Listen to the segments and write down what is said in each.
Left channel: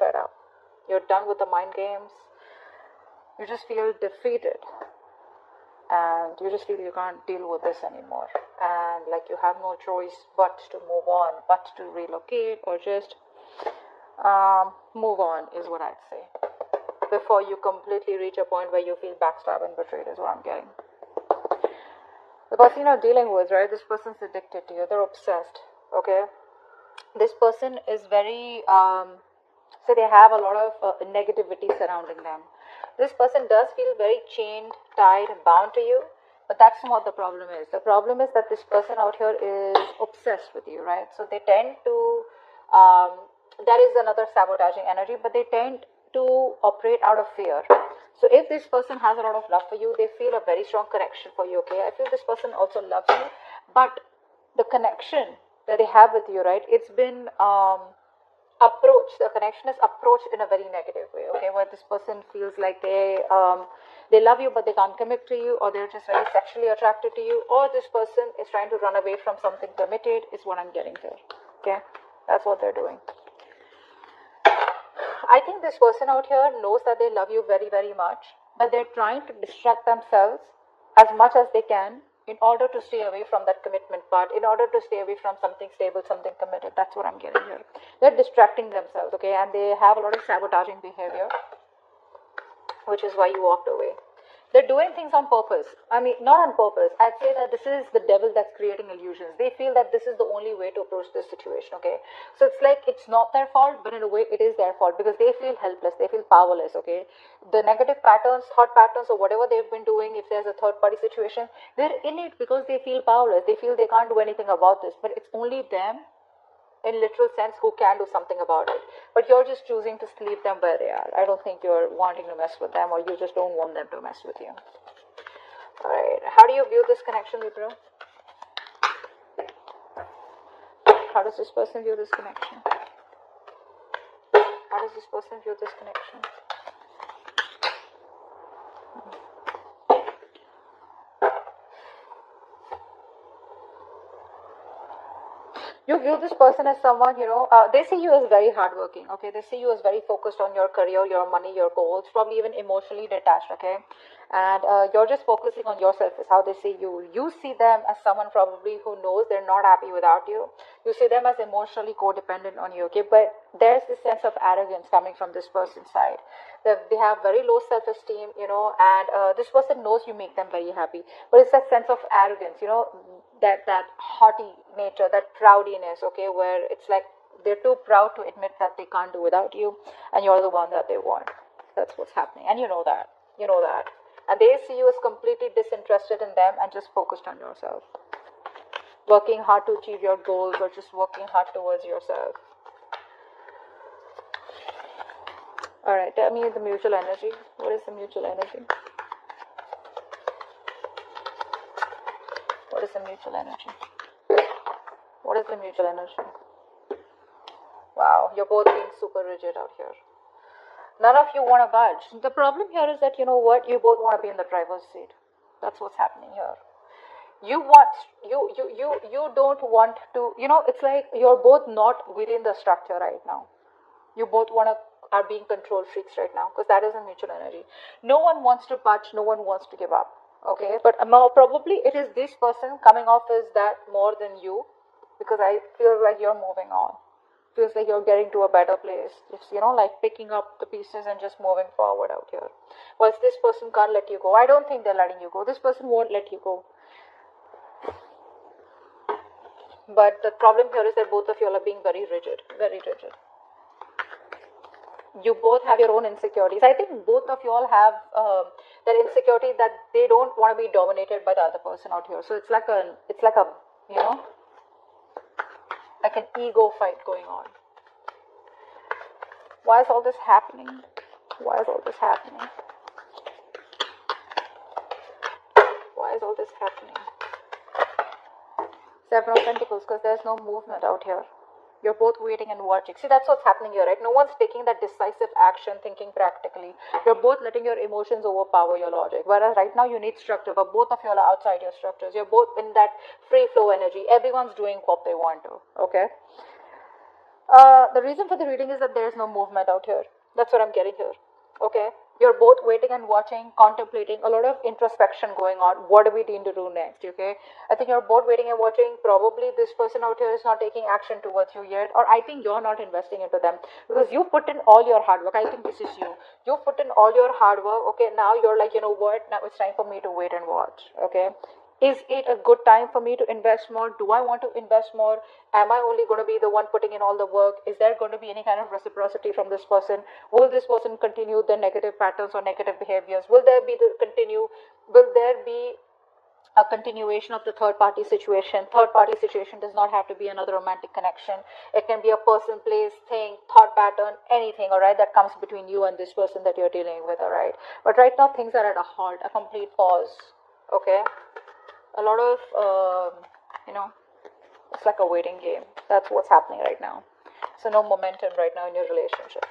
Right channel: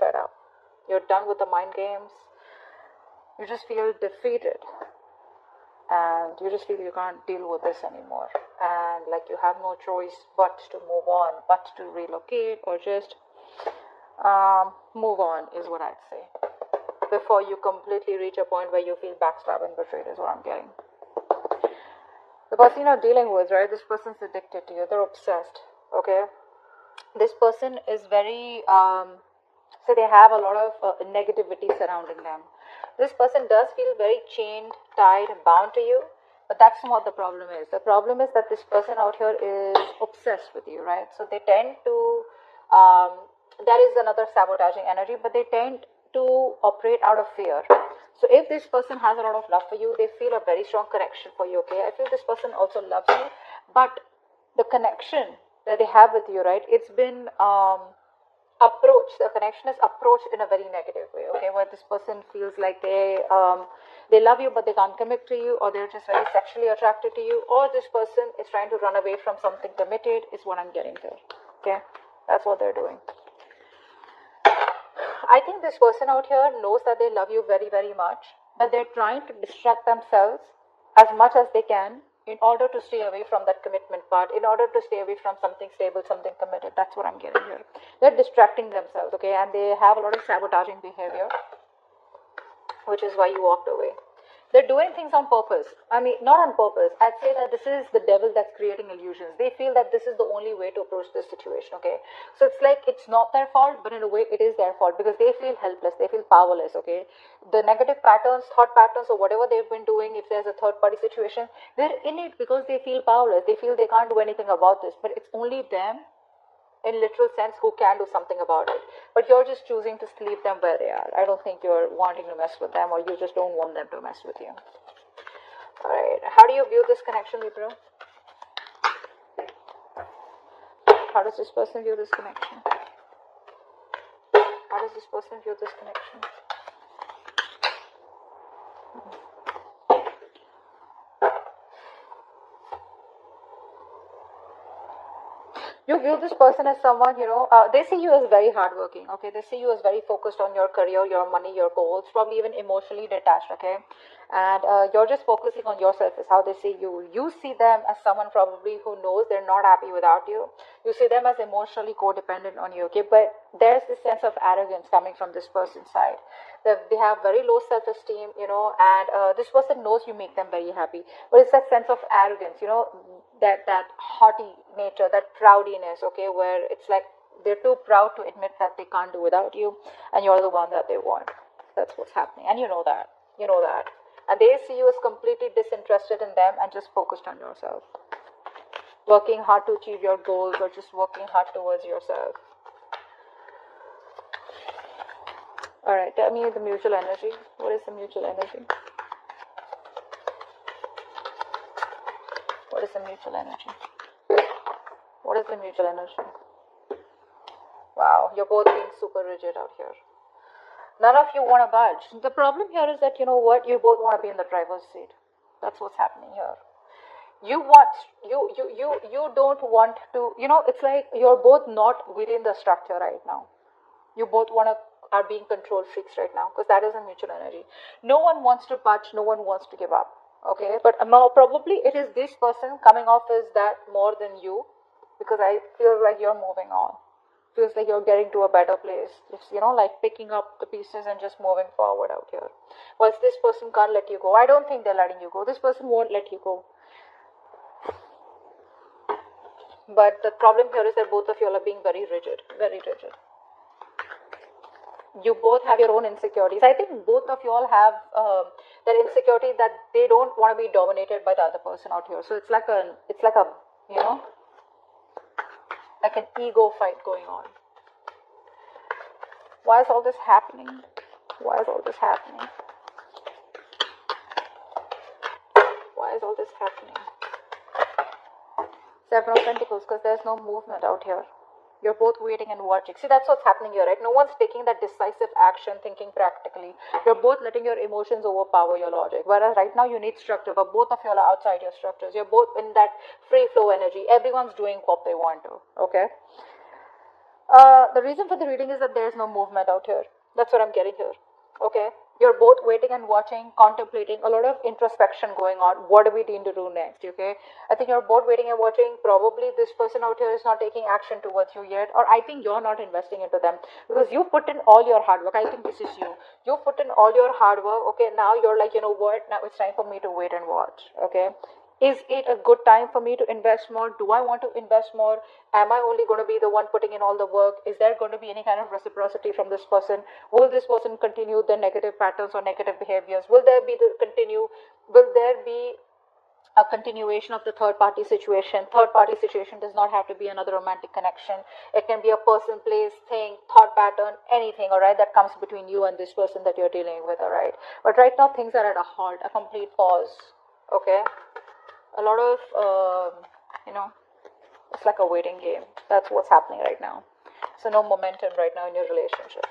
fed up. You're done with the mind games. You just feel defeated. And you just feel you can't deal with this anymore. And like you have no choice but to move on, but to relocate or just move on is what I'd say. Before you completely reach a point where you feel backstabbed and betrayed is what I'm getting. The person you're dealing with, right? This person's addicted to you. They're obsessed. Okay? This person is very, so they have a lot of negativity surrounding them. This person does feel very chained, tied, and bound to you, but that's not what the problem is. The problem is that this person out here is obsessed with you, right? So they tend to, that is another sabotaging energy, but they tend to operate out of fear. So if this person has a lot of love for you, they feel a very strong connection for you, okay? I feel this person also loves you, but the connection that they have with you, right, it's been approached, the connection is approached in a very negative way, okay, where this person feels like they love you but they can't commit to you, or they're just very sexually attracted to you, or this person is trying to run away from something committed is what I'm getting to, okay? That's what they're doing. I think this person out here knows that they love you very, very much, but they're trying to distract themselves as much as they can in order to stay away from that commitment part, in order to stay away from something stable, something committed. That's what I'm getting here. They're distracting themselves, okay, and they have a lot of sabotaging behavior, which is why you walked away. They're doing things on purpose. I mean, not on purpose. I'd say that this is the devil that's creating illusions. They feel that this is the only way to approach this situation, okay? So it's like it's not their fault, but in a way it is their fault because they feel helpless, they feel powerless, okay? The negative patterns, thought patterns, or whatever they've been doing, if there's a third-party situation, they're in it because they feel powerless. They feel they can't do anything about this, but it's only them, in literal sense, who can do something about it. But you're just choosing to leave them where they are. I don't think you're wanting to mess with them, or you just don't want them to mess with you. Alright, how do you view this connection, Libra? How does this person view this connection? How does this person view this connection? You view this person as someone, they see you as very hardworking, okay? They see you as very focused on your career, your money, your goals, probably even emotionally detached, okay? And you're just focusing on yourself is how they see you. You see them as someone probably who knows they're not happy without you. You see them as emotionally codependent on you, okay? But there's this sense of arrogance coming from this person's side. They have very low self-esteem, and this person knows you make them very happy. But it's that sense of arrogance, that haughty nature, that proudiness, okay, where it's like they're too proud to admit that they can't do without you, and you're the one that they want. That's what's happening, and you know that. And they see you as completely disinterested in them and just focused on yourself. Working hard to achieve your goals, or just working hard towards yourself. Alright, tell me the mutual energy. What is the mutual energy? What is the mutual energy? What is the mutual energy? Wow, you're both being super rigid out here. None of you want to budge. The problem here is that, you know what, you both want to be in the driver's seat. That's what's happening here. You don't want to, it's like you're both not within the structure right now. You both are being control freaks right now, because that is a mutual energy. No one wants to budge, no one wants to give up. Okay, but probably it is this person coming off as that more than you, because I feel like you're moving on. Feels like you're getting to a better place. It's, like picking up the pieces and just moving forward out here. Once this person can't let you go, I don't think they're letting you go. This person won't let you go. But the problem here is that both of you are being very rigid, very rigid. You both have your own insecurities. I think both of you all have that insecurity that they don't want to be dominated by the other person out here. So it's like a like an ego fight going on. Why is all this happening? Why is all this happening? Why is all this happening? Seven of Pentacles, because there's no movement out here. You're both waiting and watching. See, that's what's happening here, right? No one's taking that decisive action, thinking practically. You're both letting your emotions overpower your logic. Whereas right now you need structure, but both of you are outside your structures. You're both in that free flow energy. Everyone's doing what they want to, okay? The reason for the reading is that there is no movement out here. That's what I'm getting here. Okay? You're both waiting and watching, contemplating, a lot of introspection going on. What do we need to do next? Okay? I think you're both waiting and watching. Probably this person out here is not taking action towards you yet, or I think you're not investing into them because you put in all your hard work. I think this is you. You put in all your hard work. Okay, now you're like, you know what? Now it's time for me to wait and watch. Okay? Is it a good time for me to invest more? Do I want to invest more? Am I only going to be the one putting in all the work? Is there going to be any kind of reciprocity from this person? Will this person continue the negative patterns or negative behaviors? Will there be the continue? Will there be a continuation of the third party situation? Third party situation does not have to be another romantic connection. It can be a person, place, thing, thought pattern, anything, all right, that comes between you and this person that you're dealing with, all right. But right now things are at a halt, a complete pause. Okay, a lot of you know, it's like a waiting game. That's what's happening right now. So no momentum right now in your relationship.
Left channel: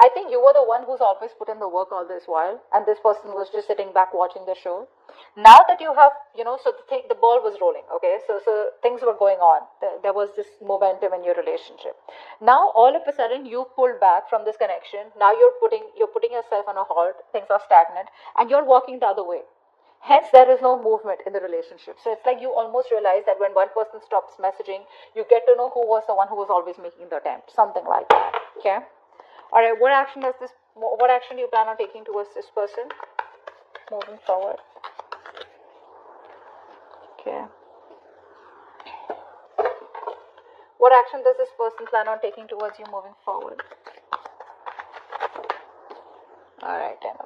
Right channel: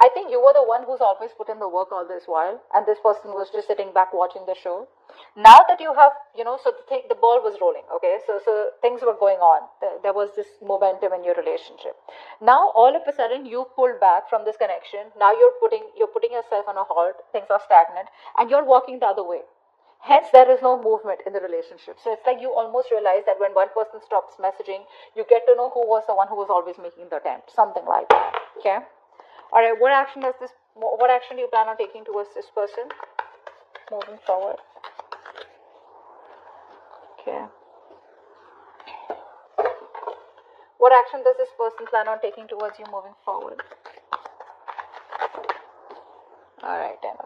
I think you were the one who's always put in the work all this while, and this person was just sitting back watching the show. Now that you have, you know, so the ball was rolling, okay? So things were going on. There was this momentum in your relationship. Now all of a sudden you pulled back from this connection. Now you're putting yourself on a halt. Things are stagnant, and you're walking the other way. Hence, there is no movement in the relationship. So it's like you almost realize that when one person stops messaging, you get to know who was the one who was always making the attempt. Something like that. Okay. All right. What action do you plan on taking towards this person moving forward? Okay. What action does this person plan on taking towards you moving forward? All right. Then.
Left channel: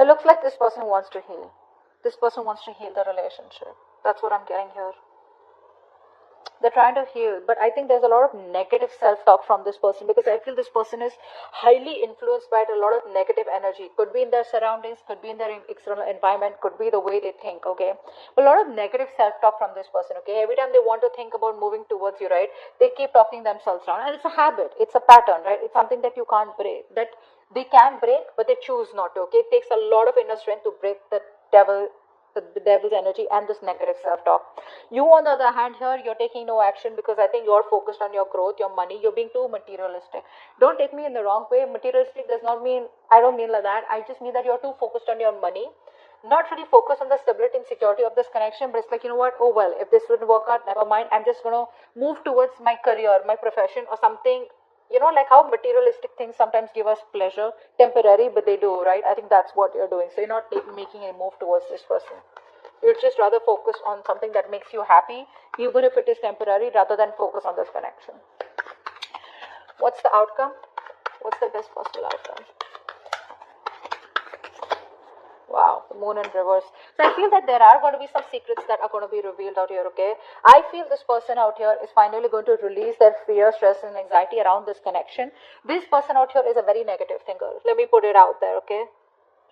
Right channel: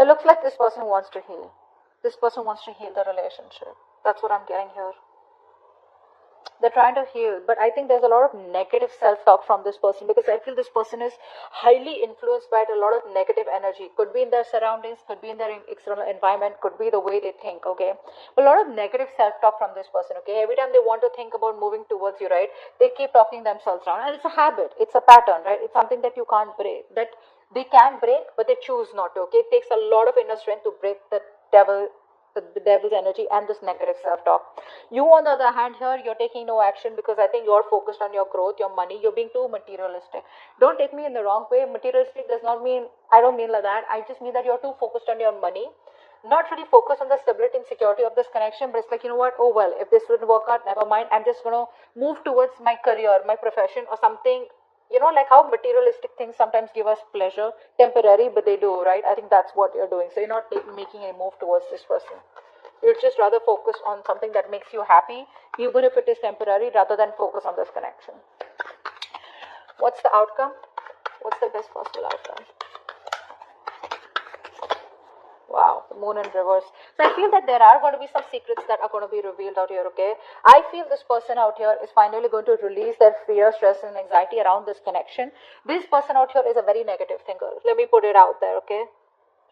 It looks like this person wants to heal. This person wants to heal the relationship. That's what I'm getting here. They're trying to heal, but I think there's a lot of negative self-talk from this person because I feel this person is highly influenced by a lot of negative energy. Could be in their surroundings, could be in their external environment, could be the way they think, okay? A lot of negative self-talk from this person, okay? Every time they want to think about moving towards you, right, they keep talking themselves down. And it's a habit, it's a pattern, right? It's something that you can't break, that they can break, but they choose not to, okay? It takes a lot of inner strength to break the devil's energy and this negative self-talk. You, on the other hand, here you're taking no action because I think you're focused on your growth, your money. You're being too materialistic. Don't take me in the wrong way. Materialistic does not mean, I don't mean like that. I just mean that you're too focused on your money, not really focused on the stability and security of this connection. But it's like, you know what, oh well, if this wouldn't work out, never mind. I'm just going to move towards my career, my profession, or something. You know, like how materialistic things sometimes give us pleasure, temporary, but they do, right? I think that's what you're doing. So you're not making a move towards this person. You're just rather focused on something that makes you happy, even if it is temporary, rather than focus on this connection. What's the outcome? What's the best possible outcome? Wow, the moon in reverse. So I feel that there are going to be some secrets that are going to be revealed out here, okay? I feel this person out here is finally going to release their fear, stress, and anxiety around this connection. This person out here is a very negative thinker. Let me put it out there, okay?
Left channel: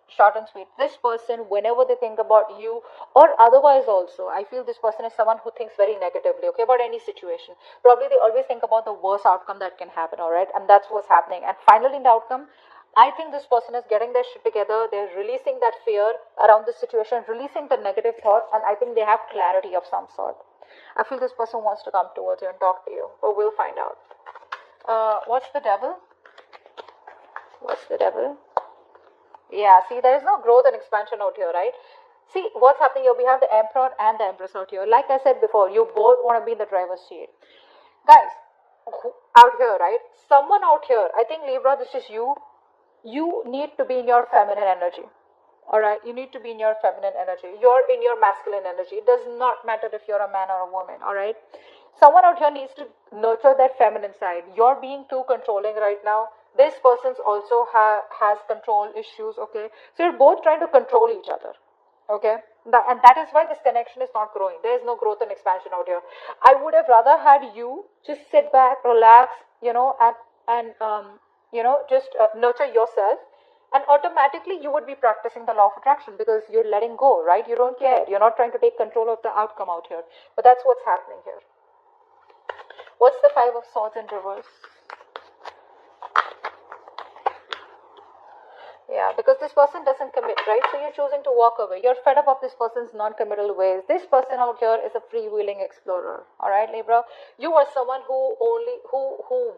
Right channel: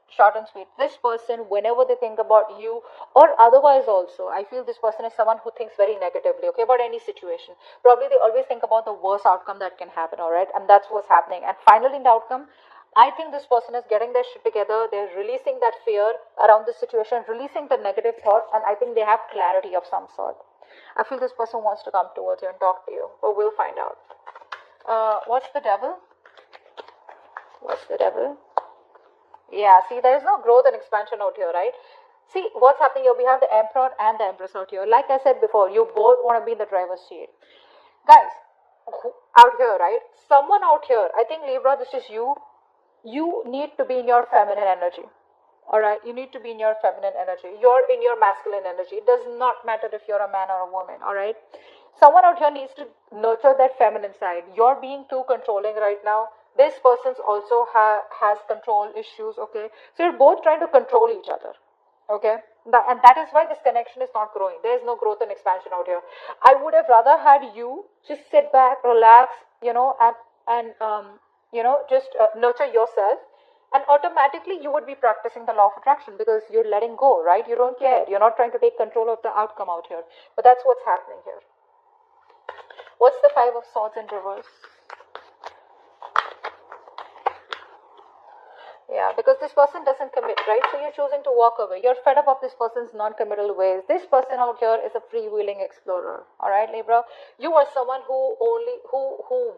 Short and sweet. This person, whenever they think about you or otherwise also, I feel this person is someone who thinks very negatively, okay, about any situation. Probably they always think about the worst outcome that can happen, all right? And that's what's happening. And finally, in the outcome, I think this person is getting their shit together. They're releasing that fear around the situation, releasing the negative thoughts, and I think they have clarity of some sort. I feel this person wants to come towards you and talk to you, but we'll find out. What's the devil? What's the devil? Yeah, see, there's no growth and expansion out here, right? See, what's happening here? We have the Emperor and the Empress out here. Like I said before, you both want to be in the driver's seat. Guys, out here, right? Someone out here, I think Libra, this is you. You need to be in your feminine energy. Alright, you need to be in your feminine energy. You're in your masculine energy. It does not matter if you're a man or a woman, alright? Someone out here needs to nurture that feminine side. You're being too controlling right now. This person also has control issues, okay? So you're both trying to control each other, okay? And that is why this connection is not growing. There is no growth and expansion out here. I would have rather had you just sit back, relax, you know, and just nurture yourself, and automatically you would be practicing the law of attraction because you're letting go, right? You don't care. You're not trying to take control of the outcome out here. But that's what's happening here. What's the Five of Swords in reverse? Yeah, because this person doesn't commit, right? So you're choosing to walk away. You're fed up of this person's non-committal ways. This person out here is a freewheeling explorer. All right, Libra. You are someone who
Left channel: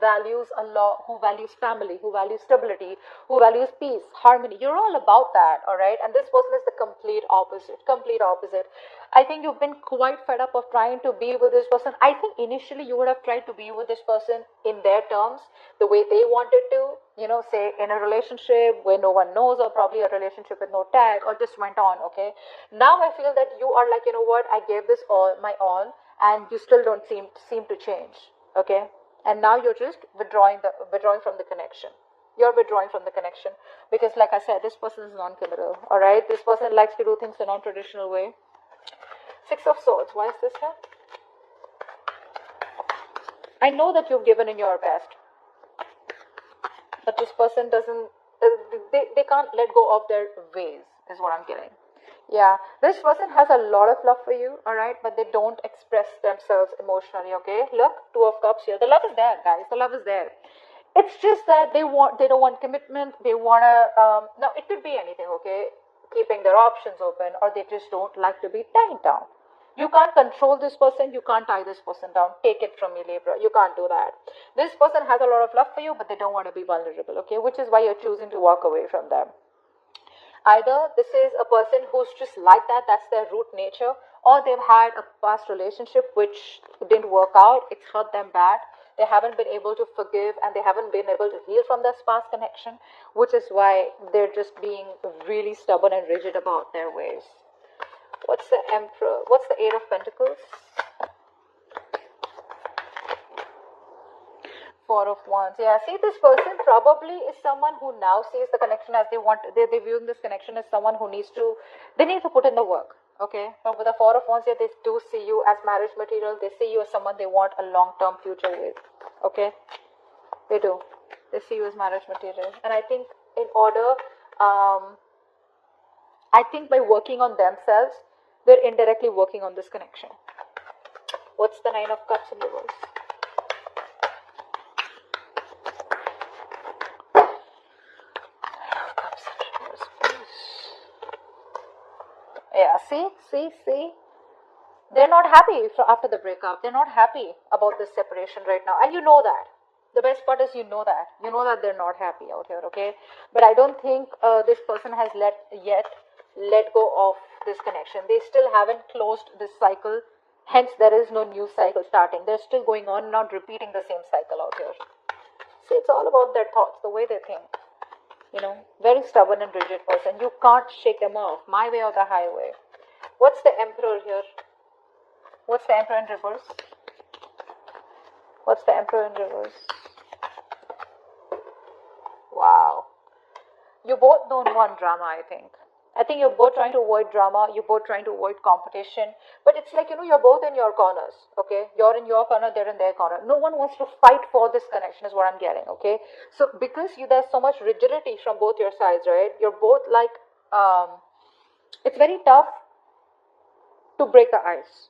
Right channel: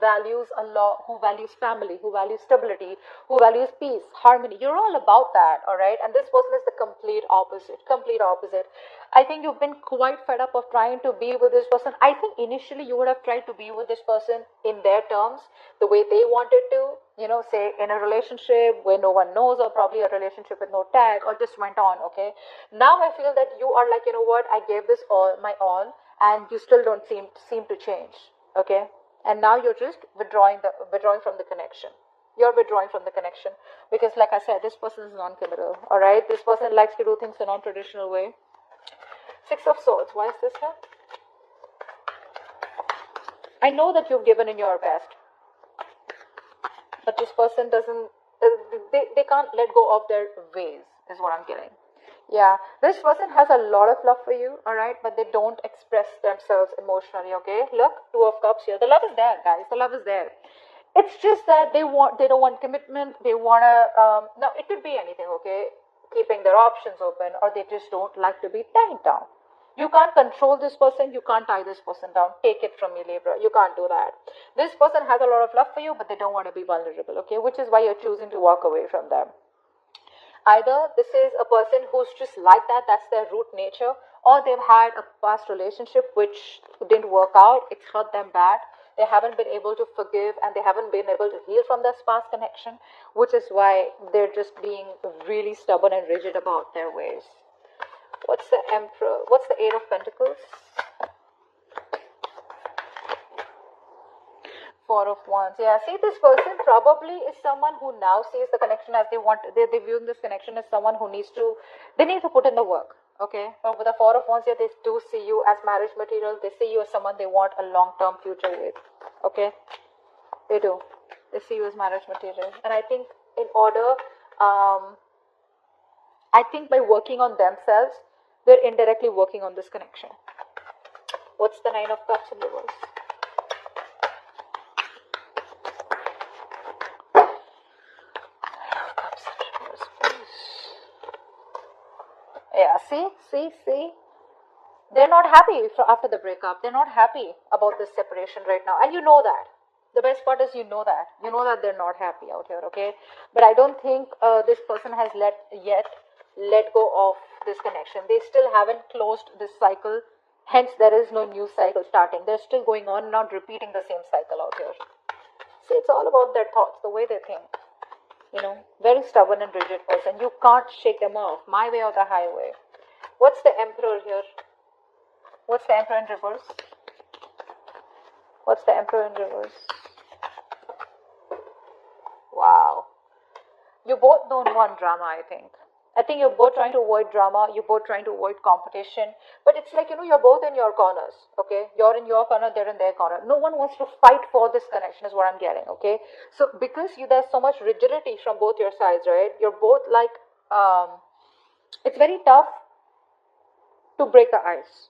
values a lot, who values family, who values stability, who values peace, harmony. You're all about that. All right, and this person is the complete opposite. Complete opposite. I think you've been quite fed up of trying to be with this person. I think initially you would have tried to be with this person in their terms, the way they wanted to, say in a relationship where no one knows, or probably a relationship with no tag, or just went on, okay? Now I feel that you are like, you know what, I gave this all, my all, and you still don't seem to change, okay? And now you're just withdrawing from the connection. You're withdrawing from the connection because, like I said, this person is non-committal, all right? This person likes to do things in a non-traditional way. Six of Swords. Why is this here? I know that you've given in your best, but this person doesn't. They can't let go of their ways. Is what I'm getting. Yeah, this person has a lot of love for you. All right, but they don't express themselves emotionally. Okay, look, Two of Cups here. The love is there, guys. The love is there. It's just that they don't want commitment. They wanna. No, it could be anything. Okay, keeping their options open, or they just don't like to be tied down. You can't control this person. You can't tie this person down. Take it from me, Libra. You can't do that. This person has a lot of love for you, but they don't want to be vulnerable, okay? Which is why you're choosing to walk away from them. Either this is a person who's just like that, that's their root nature, or they've had a past relationship which didn't work out, it's hurt them bad. They haven't been able to forgive and they haven't been able to heal from this past connection, which is why they're just being really stubborn and rigid about their ways. What's the Emperor? What's the Eight of Pentacles? Four of Wands. Yeah, see, this person probably is someone who now sees the connection as they want. They view this connection as someone who they need to put in the work. Okay, but with the Four of Wands here, they do see you as marriage material. They see you as someone they want a long-term future with. Okay, they do. They see you as marriage material, and I think in order, I think by working on themselves, they're indirectly working on this connection. What's the Nine of Cups in reverse? Yeah, see. They're not happy after the breakup. They're not happy about this separation right now. And you know that. The best part is you know that. You know that they're not happy out here, okay? But I don't think this person has let go of this connection. They still haven't closed this cycle. Hence, there is no new cycle starting. They're still going on, not repeating the same cycle out here. See, it's all about their thoughts, the way they think. Very stubborn and rigid person. You can't shake them off. My way or the highway. What's the Emperor here? What's the Emperor in reverse? What's the Emperor in reverse? Wow. You both don't want drama, I think. I think you're both trying to avoid drama. You're both trying to avoid competition. But it's like, you're both in your corners, okay? You're in your corner, they're in their corner. No one wants to fight for this connection is what I'm getting, okay? So because there's so much rigidity from both your sides, right? You're both like, it's very tough to break the ice,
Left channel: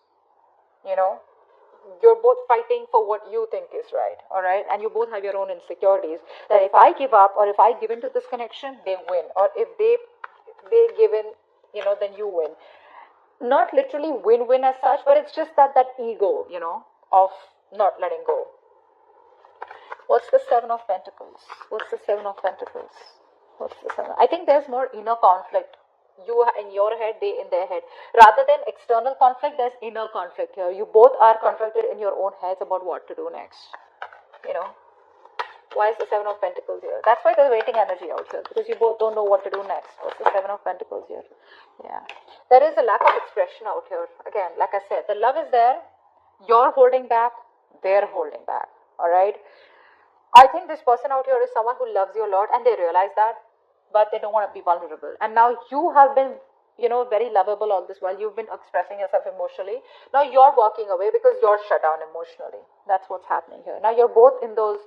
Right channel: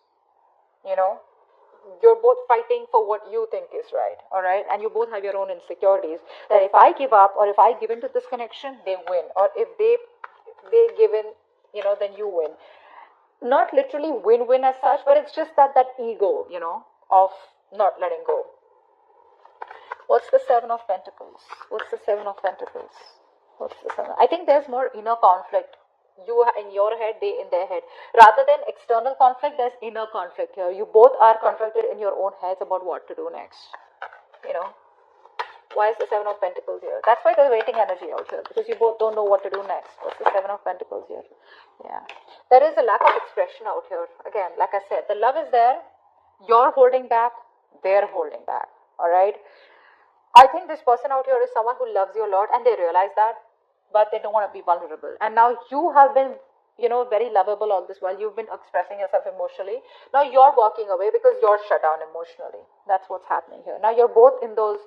You're both fighting for what you think is right, all right? And you both have your own insecurities. That if I give up or if I give into this connection, they win. Or if they give in, then you win. Not literally win-win as such, but it's just that ego, of not letting go. What's the Seven of Pentacles? What's the Seven of Pentacles? What's the Seven? I think there's more inner conflict. You in your head, they in their head. Rather than external conflict, there's inner conflict here. You both are conflicted in your own heads about what to do next. Why is the Seven of Pentacles here? That's why there's waiting energy out here, because you both don't know what to do next. What's the Seven of Pentacles here? Yeah. There is a lack of expression out here. Again, like I said, the love is there. You're holding back. They're holding back. Alright? I think this person out here is someone who loves you a lot, and they realize that, but they don't want to be vulnerable. And now you have been, very lovable all this while. You've been expressing yourself emotionally. Now you're walking away because you're shut down emotionally. That's what's happening here. Now you're both in those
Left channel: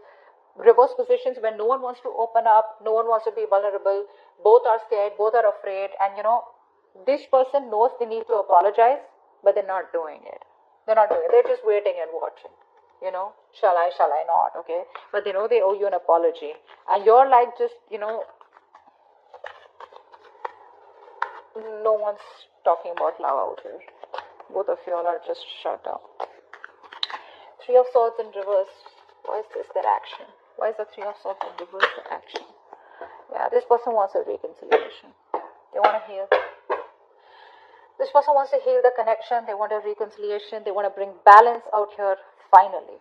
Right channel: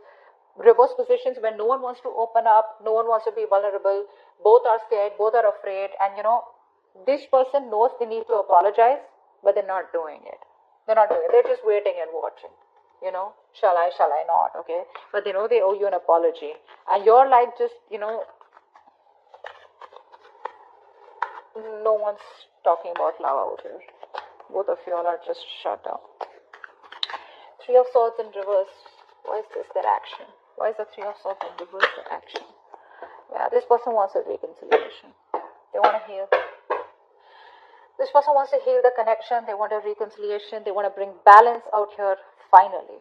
reverse positions where no one wants to open up, no one wants to be vulnerable, both are scared, both are afraid, and this person knows they need to apologize, but they're not doing it. They're just waiting and watching. Shall I not, okay? But they know they owe you an apology. And you're like just, No one's talking about love out here. Both of you are just shut down. Three of Swords in reverse. Why is this their action? Why is the Three of Swords in reverse their action? Yeah, this person wants a reconciliation. They want to heal. This person wants to heal the connection. They want a reconciliation. They want to bring balance out here finally.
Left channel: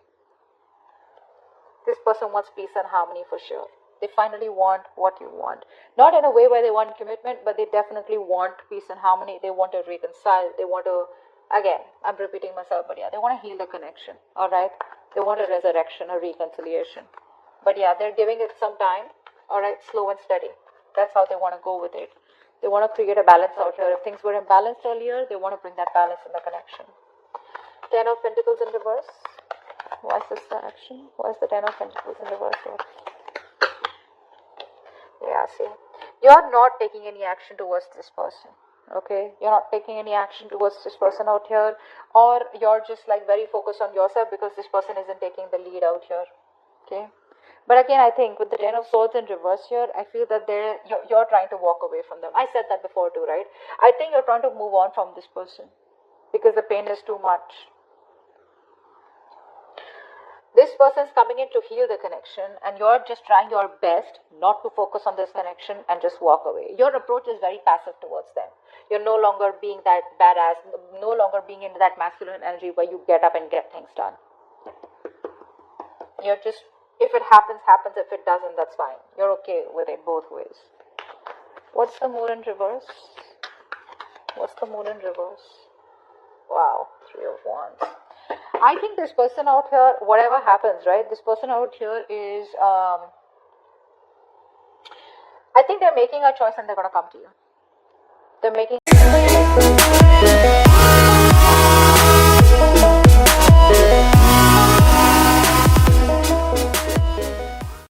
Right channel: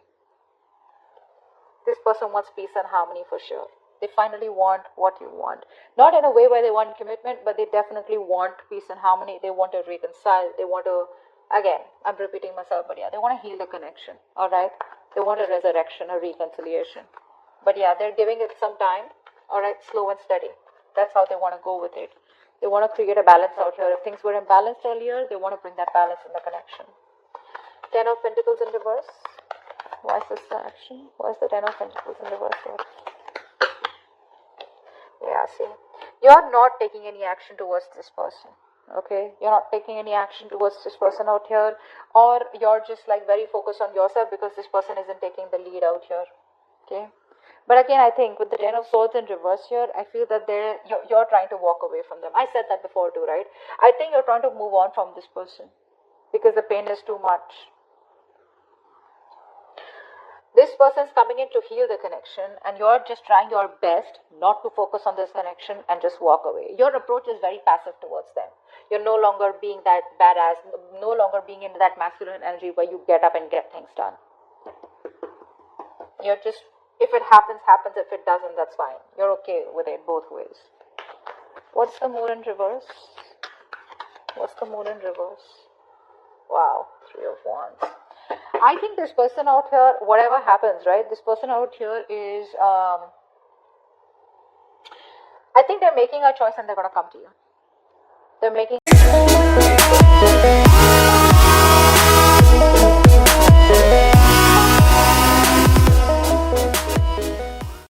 This person wants peace and harmony for sure. They finally want what you want. Not in a way where they want commitment, but they definitely want peace and harmony. They want to reconcile. They want to, again, I'm repeating myself, but yeah, they want to heal the connection. Alright? They want a resurrection, a reconciliation. But yeah, they're giving it some time. Alright, slow and steady. That's how they want to go with it. They want to create a balance out here. If things were imbalanced earlier, they want to bring that balance in the connection. Ten of Pentacles in reverse. Why is this the action? Why is the Ten of Pentacles in reverse here? Yeah, see. You're not taking any action towards this person. Okay? You're not taking any action towards this person out here. Or you're just like very focused on yourself because this person isn't taking the lead out here. Okay? But again, I think with the Ten of Swords in reverse here, I feel that you're trying to walk away from them. I said that before too, right? I think you're trying to move on from this person because the pain is too much. This person is coming in to heal the connection, and you're just trying your best not to focus on this connection and just walk away. Your approach is very passive towards them. You're no longer being that badass, no longer being in that masculine energy where you get up and get things done. You're just, if it happens, happens. If it doesn't, that's fine. You're okay with it both ways. What's the Moon in reverse? What's the Moon in reverse? Wow, Three of Wands. I think this person out here, whatever happens, right? This person out here is, I think they're making a choice and they're going to come to you. They're making